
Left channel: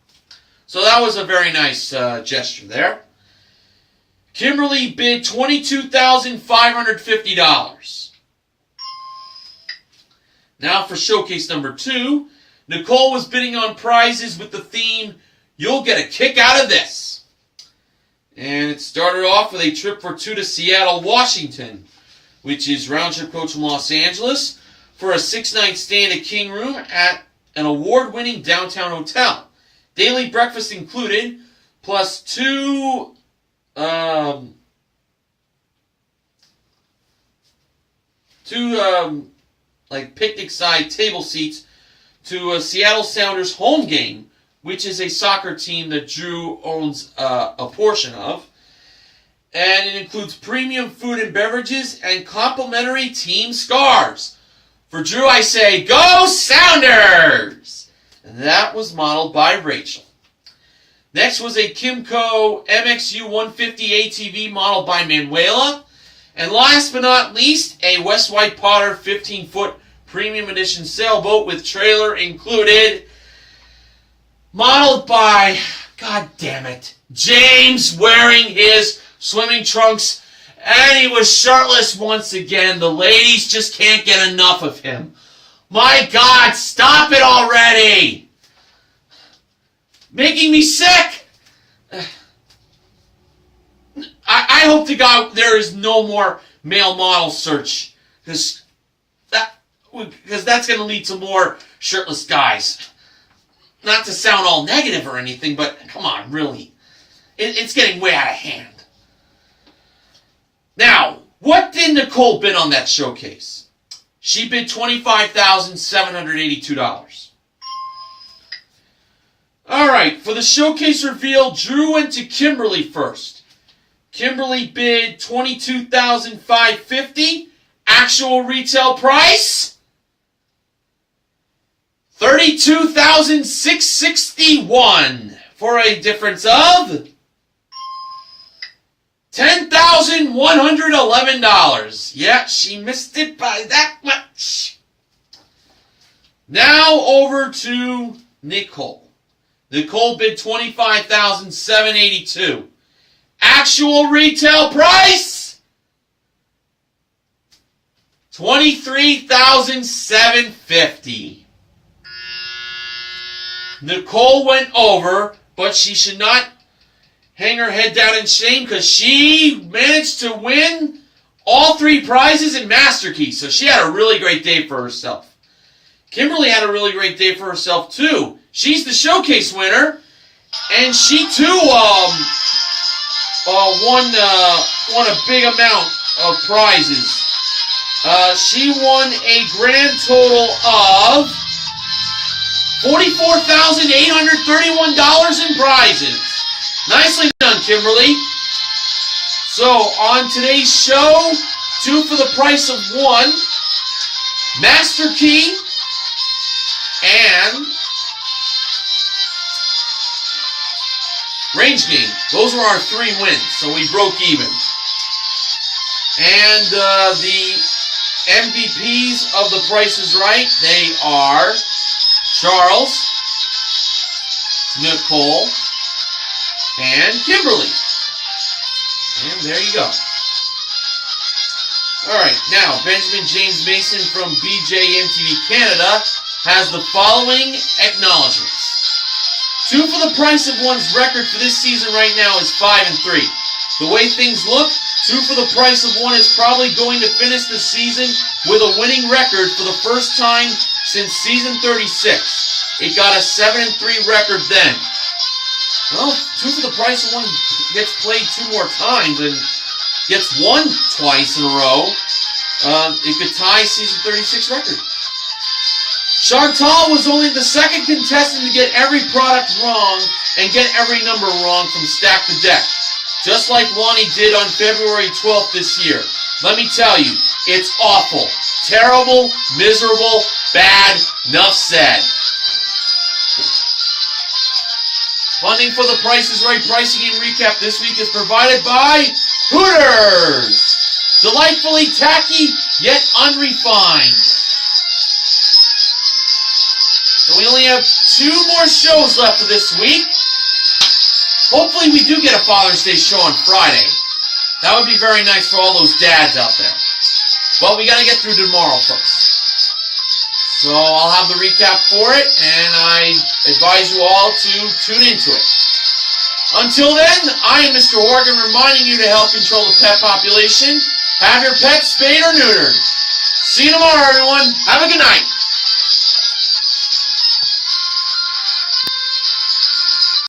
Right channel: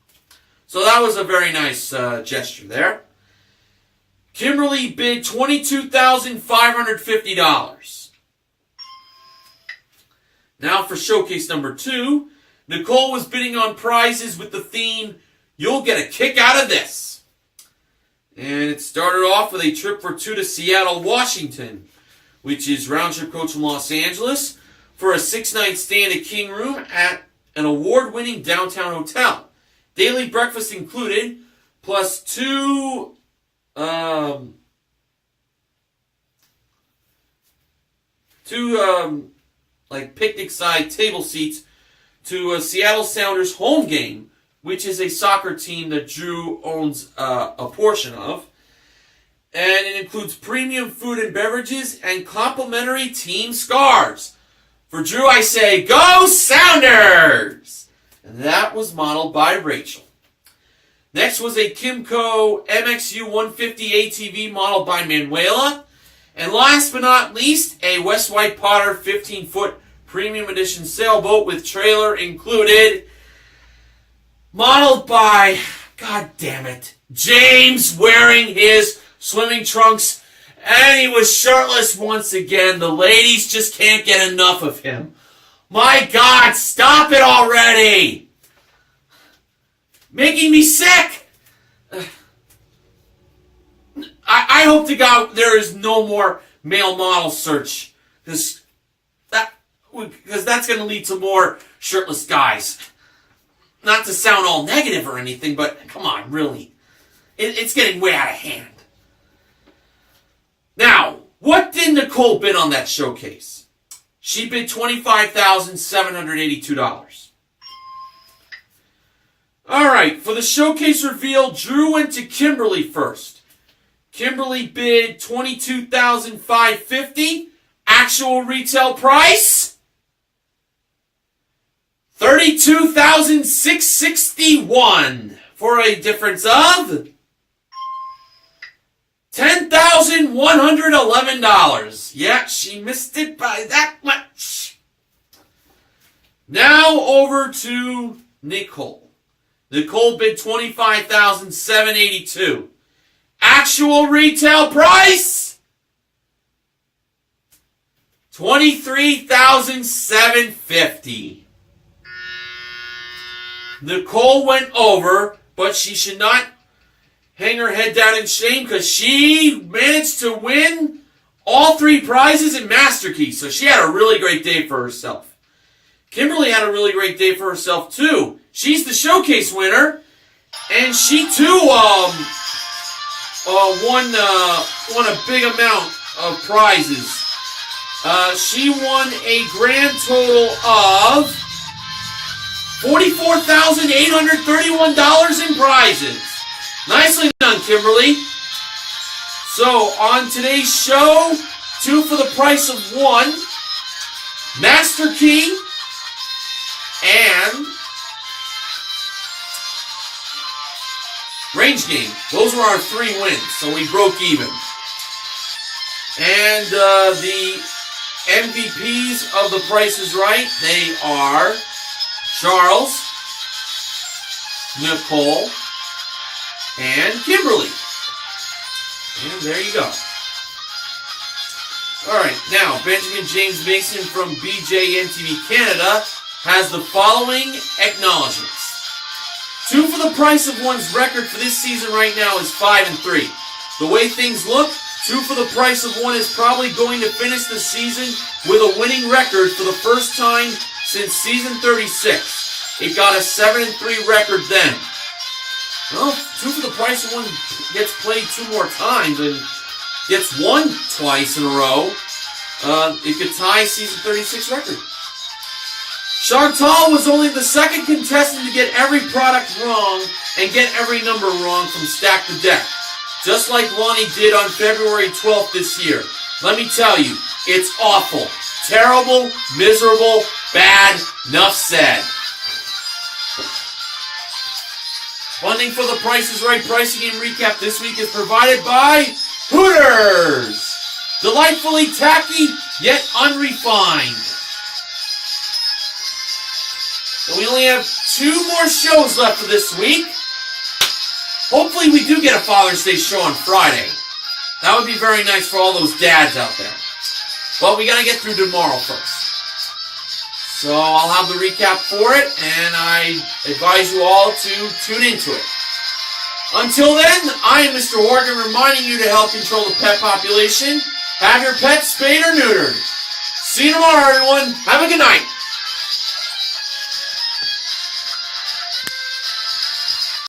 So that was a very nice gesture there. Kimberly bid $22,550. Now for showcase number 2, Nicole was bidding on prizes with the theme, You'll Get a Kick Out of This. And it started off with a trip for 2 to Seattle, Washington, which is round-trip coach from Los Angeles, for a 6-night stay in a king room at an award-winning downtown hotel. Daily breakfast included, plus 2 picnic-side table seats to a Seattle Sounders home game, which is a soccer team that Drew owns a portion of. And it includes premium food and beverages and complimentary team scarves. For Drew, I say, go Sounders! And that was modeled by Rachel. Next was a Kimco MXU 150 ATV modeled by Manuela. And last but not least, a West White Potter 15-foot premium edition sailboat with trailer included, modeled by, god damn it, James, wearing his swimming trunks, and he was shirtless once again. The ladies just can't get enough of him. My God, stop it already! Making me sick! I hope to God there is no more male model search, because that's going to lead to more shirtless guys. Not to sound all negative or anything, but come on, really. It's getting way out of hand. Now, what did Nicole bid on that showcase? She bid $25,782. Alright, for the showcase reveal, Drew went to Kimberly first. Kimberly bid $22,550. Actual retail price? $32,661. For a difference of $10,111. Yeah, she missed it by that much. Now over to Nicole. Nicole bid $25,782. Actual retail price? $23,750. Nicole went over, but she should not hang her head down in shame because she managed to win all 3 prizes in Master Key. So she had a really great day for herself. Kimberly had a really great day for herself too. She's the showcase winner, and she too won a big amount of prizes. She won a grand total of $44,831 in prizes. Nicely done, Kimberly. So, on today's show, 2 for the price of 1, Master Key, and Range Game. Those were our 3 wins, so we broke even. And the MVPs of The Price is Right, they are Charles, Nicole, and Kimberly. And there you go. Alright, now, Benjamin James Mason from BJMTV Canada has the following acknowledgements. 2 for the price of 1's record for this season right now is 5-3. The way things look, 2 for the price of 1 is probably going to finish the season with a winning record for the first time since season 36. It got a 7-3 record then. Well, 2 for the price of 1 gets played 2 more times and gets won twice in a row. It could tie season 36 record. Chantal was only the 2nd contestant to get every product wrong and get every number wrong from stack to deck, just like Lonnie did on February 12th this year. Let me tell you, it's awful, terrible, miserable, bad, enough said. Funding for The Price is Right pricing and recap this week is provided by Hooters. Delightfully tacky, yet unrefined. So we only have 2 more shows left for this week. Hopefully we do get a Father's Day show on Friday. That would be very nice for all those dads out there. But we got to get through tomorrow first. So I'll have the recap for it, and I advise you all to tune into it. Until then, I am Mr. Horgan reminding you to help control the pet population. Have your pets spayed or neutered. See you tomorrow, everyone. Have a good night.